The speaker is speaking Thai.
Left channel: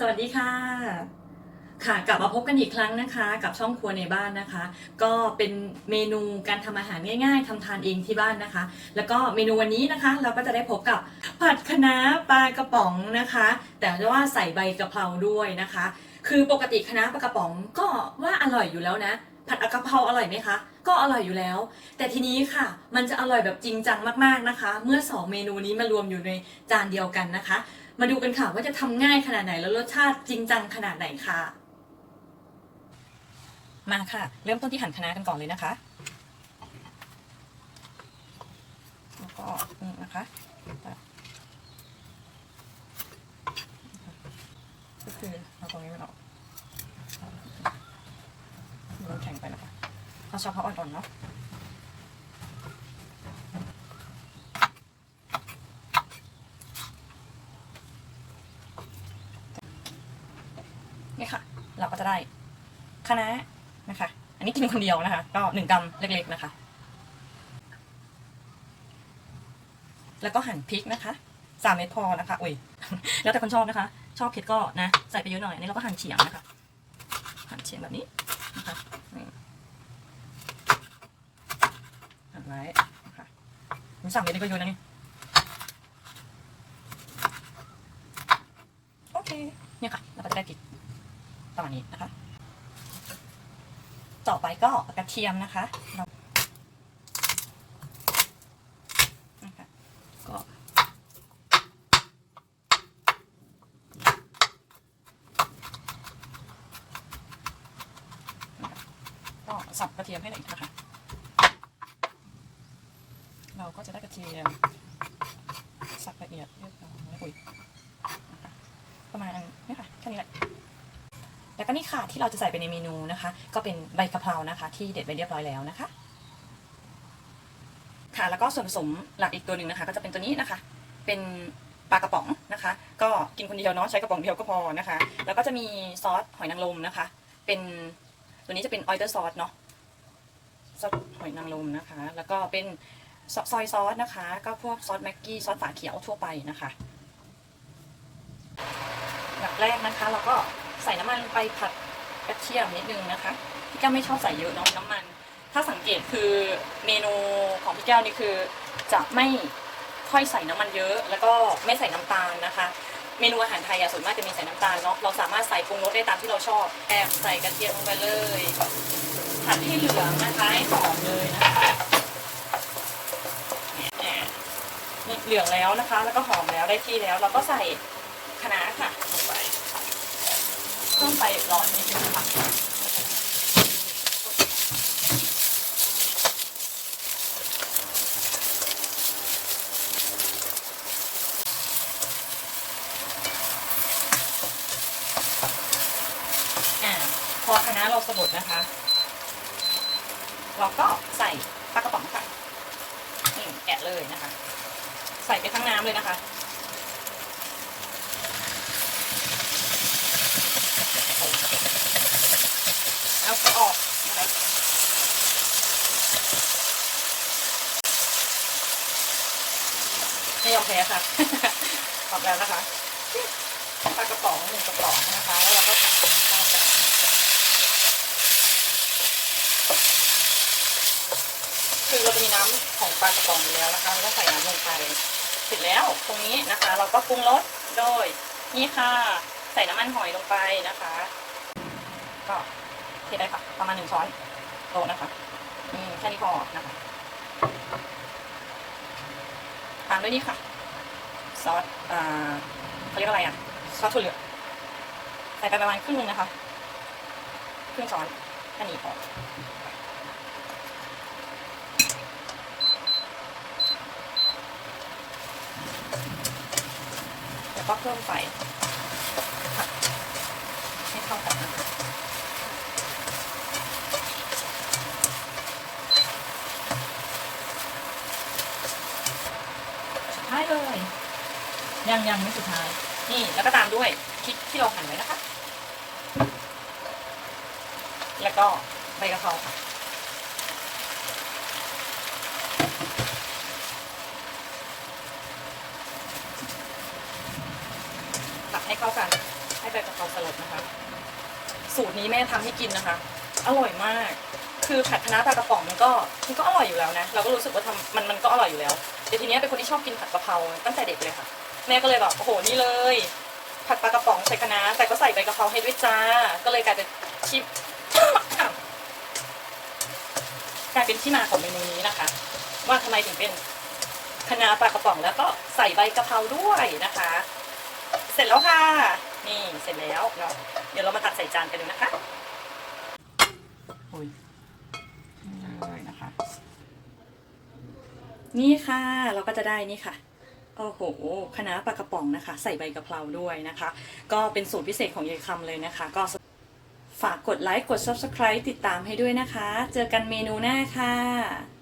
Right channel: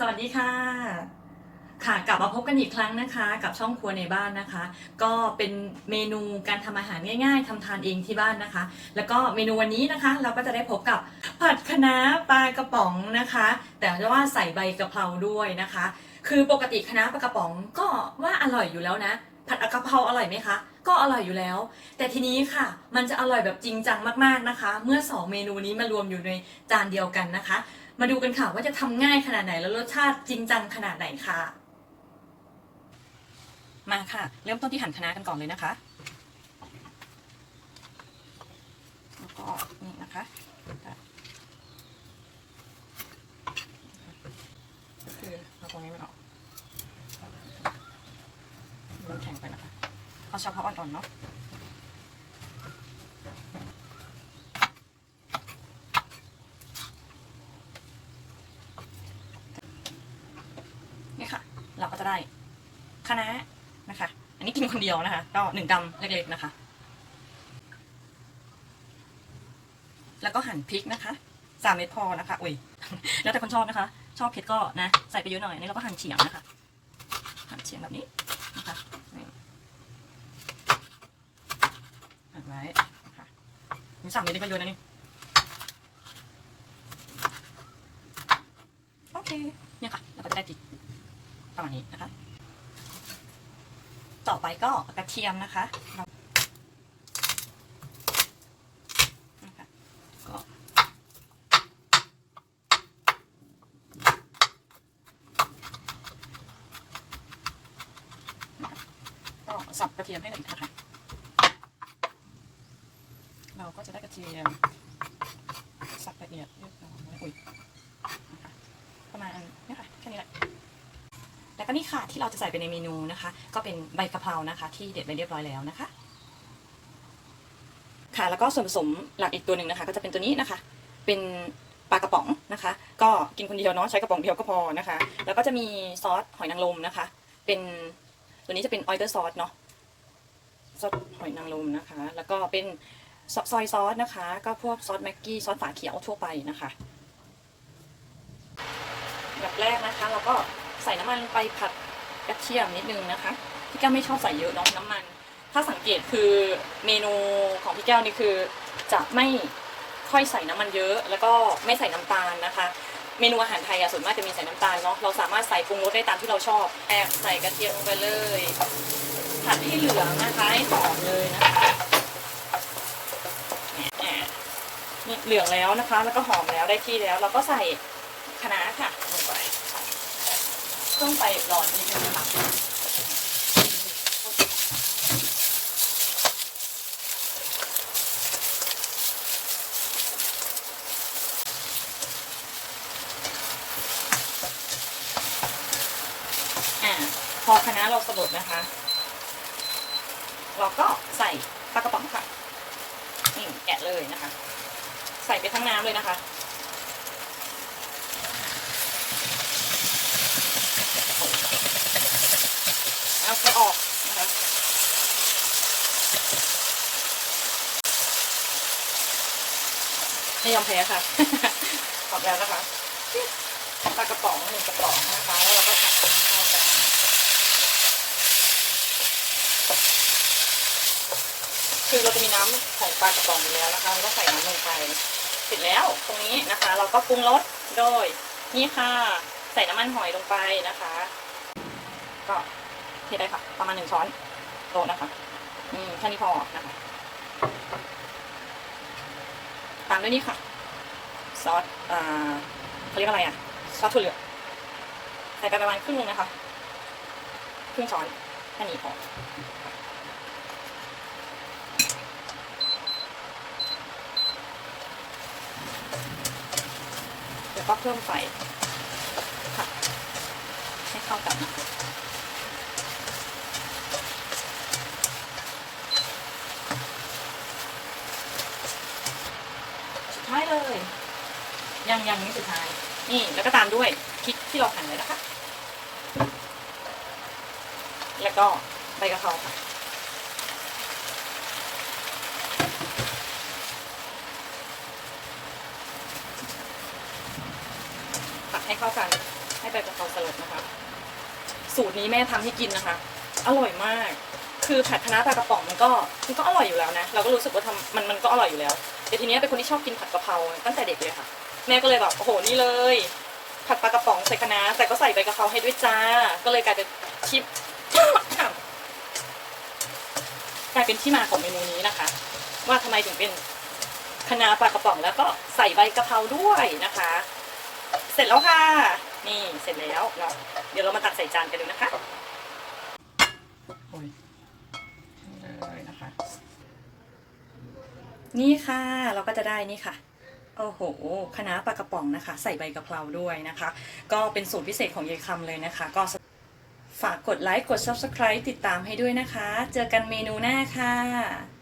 สวัสดีค่ะ ค่ะกลับมาพบกันอีกครั้งนะคะ กับช่องครัวในบ้านนะคะ ก็เป็นเมนูการทำอาหารง่ายๆทำทานเองที่บ้านนะคะ แล้วก็เมนูวันนี้นะคะ เราก็จะได้พบกับผัดคะน้าปลากระป๋องนะคะ แต่ว่าใส่ใบกะเพราด้วยนะคะ คือปกติคะน้าปลากระป๋องก็ว่าอร่อยอยู่แล้วนะผัดกะเพราอร่อยไหมคะ ก็อร่อยอยู่แล้ว แต่ทีนี้ค่ะ มันจะอร่อยแบบจริงจังมากๆนะคะ เมื่อสองเมนูนี้มารวมอยู่ในจานเดียวกันนะคะ มาดูกันค่ะว่าจะทำง่ายขนาดไหนแล้วรสชาติจริงจังขนาดไหนค่ะ มาค่ะ เริ่มต้นที่หั่นคะน้ากันก่อนเลยนะคะ แล้วก็นี่นะคะก็คือเอาตรงนี้มันออกมันแข็งไปนะคะเอาเฉพาะอ่อนๆเนาะ นี่ค่ะ เราก็จะได้ คะน้านะคะ อันนี้กินคนเดียวนะคะ ก็หนึ่งกำเล็กๆนะคะ แล้วก็หั่นพริกนะคะสามเม็ดพอนะคะอุ้ยแล้วแต่คนชอบนะคะ ชอบเผ็ดก็นะใส่ไปเยอะหน่อยอันนี้เราก็หั่นเฉียงนะคะ หั่นเฉียงแบบนี้นะคะนี่หั่นไว้นะคะมีสามเม็ดนี่ก็เยอะนะนี่โอเคเนี่ยค่ะเราก็จะได้พริกประมาณนี้นะคะ ต่อไปก็กระเทียมนะคะเรานะคะก็ก็สับกระเทียมให้ละเอียนะคะ เราก็จะได้กระเทียม สับละเอียดเรียบร้อยอุ้ยประมาณนี้ค่ะแค่นี้แหละ แล้วก็นี่ค่ะที่เราจะใส่ไปในเมนูนะคะ ก็เป็นใบกะเพรานะคะ ที่เด็ดไปเรียบร้อยแล้วนะคะ ค่ะแล้วก็ส่วนผสมหลักอีกตัวหนึ่งนะคะ ก็จะเป็นตัวนี้นะคะ เป็นปลากระป๋องนะคะ ก็กินคนเดียวเนาะใช้กระป๋องเดียวก็พอนะคะ แล้วก็จะมีซอสหอยนางรมนะคะ เป็นตัวนี้จะเป็นออยเตอร์ซอสเนาะซอสหอยนางรมนะคะ แล้วก็เป็นซอยซอสนะคะ ก็พวกซอสแม็กกี้ซอสฝาเขียวทั่วไปนะคะแบบแรกนะคะเราก็ ใส่น้ำมันไปผัดกระเทียมนิดนึงนะคะ พี่แก้วไม่ชอบใส่เยอะเนาะน้ำมัน ถ้าสังเกตคือเมนูของพี่แก้วนี่คือจะไม่ค่อยใส่น้ำมันเยอะ แล้วก็ไม่ใส่น้ำตาลนะคะ เมนูอาหารไทยอะส่วนมากจะมีใส่น้ำตาลเนาะเราสามารถใส่ปรุงรสได้ตามที่เราชอบแอบใส่กระเทียมลงไปเลยผัดให้เหลืองนะคะให้หอมเลยนะคะแหมนี่เหลืองแล้วนะคะ แล้วก็หอมแล้วได้ที่แล้ว เราก็ใส่คะน้าค่ะ ต้องไปรอนนิดนึงค่ะอ่พอคณะเราสลดนะคะ เราก็ใส่ปลากระป๋องค่ะนี่แกะเลยนะคะ ใส่ไปทั้งน้ำเลยนะคะ แล้วก็ออกนะคะไม่ยอม แพ้ค่ะออกแล้วนะคะปลากระป๋องหนึ่งกระป๋องนะคะแล้วเราก็ผัดข้ากันคือเราจะมีน้ำของปลากระป๋องอยู่แล้วนะคะเราก็ใส่น้ำลงไปเสร็จแล้วตรงนี้นะคะ เราก็ปรุงรสโดยนี่ค่ะ ใส่น้ำมันหอยลงไปนะคะ ก็เทได้ค่ะ ประมาณหนึ่งช้อนโต๊ะนะคะอืมแค่นี้พอนะคะตามด้วยนี่ค่ะ ซอสอ่าเขาเรียกอะไรอะซอสถั่วเหลืองใส่ไปประมาณครึ่งนึงนะคะครึ่งช้อนแค่นี้พอแล้วก็เพิ่มไฟค่ให้เข้ากันนะคะ สุดท้ายเลย ยังยังไม่สุดท้าย นี่แล้วก็ตามด้วยพริกที่เราหั่นไว้นะคะ แล้วก็ใบกะเพราค่ะผัดให้เข้ากันให้ใบกะเพราสลดนะคะสูตรนี้แม่ทำให้กินนะคะ อร่อยมาก คือผัดคะน้าปลากระป๋องมันก็มันก็อร่อยอยู่แล้วนะ เราก็รู้สึกว่าทำมันมันก็อร่อยอยู่แล้ว แต่ทีนี้เป็นคนที่ชอบกินผัดกะเพราตั้งแต่เด็กเลยค่ะ แม่ก็เลยแบบโอ้โหนี่เลย ผัดปลากระป๋องใส่คะน้าแต่ก็ใส่ใบกะเพราให้ด้วยจ้า ก็เลยกลายเป็นชิปกลายเป็นที่มาของเมนูนี้นะคะ ว่าทำไมถึงเป็นคะน้าปลากระป๋องแล้วก็ใส่ใบกะเพราด้วยนะคะ เสร็จแล้วค่ะ นี่เสร็จแล้วเนาะเดี๋ยวเรามาตักใส่จานกันดูนะคะโอ้ยเลยนะคะ นี่ค่ะเราก็จะได้นี่ค่ะ โอ้โหคณะปลากระป๋องนะคะ ใส่ใบกะเพราด้วยนะคะ ก็เป็นสูตรพิเศษของยายคำเลยนะคะ ก็ฝากกดไลค์ กด Subscribe ติดตามให้ด้วยนะคะ เจอกันเมนูหน้าค่ะ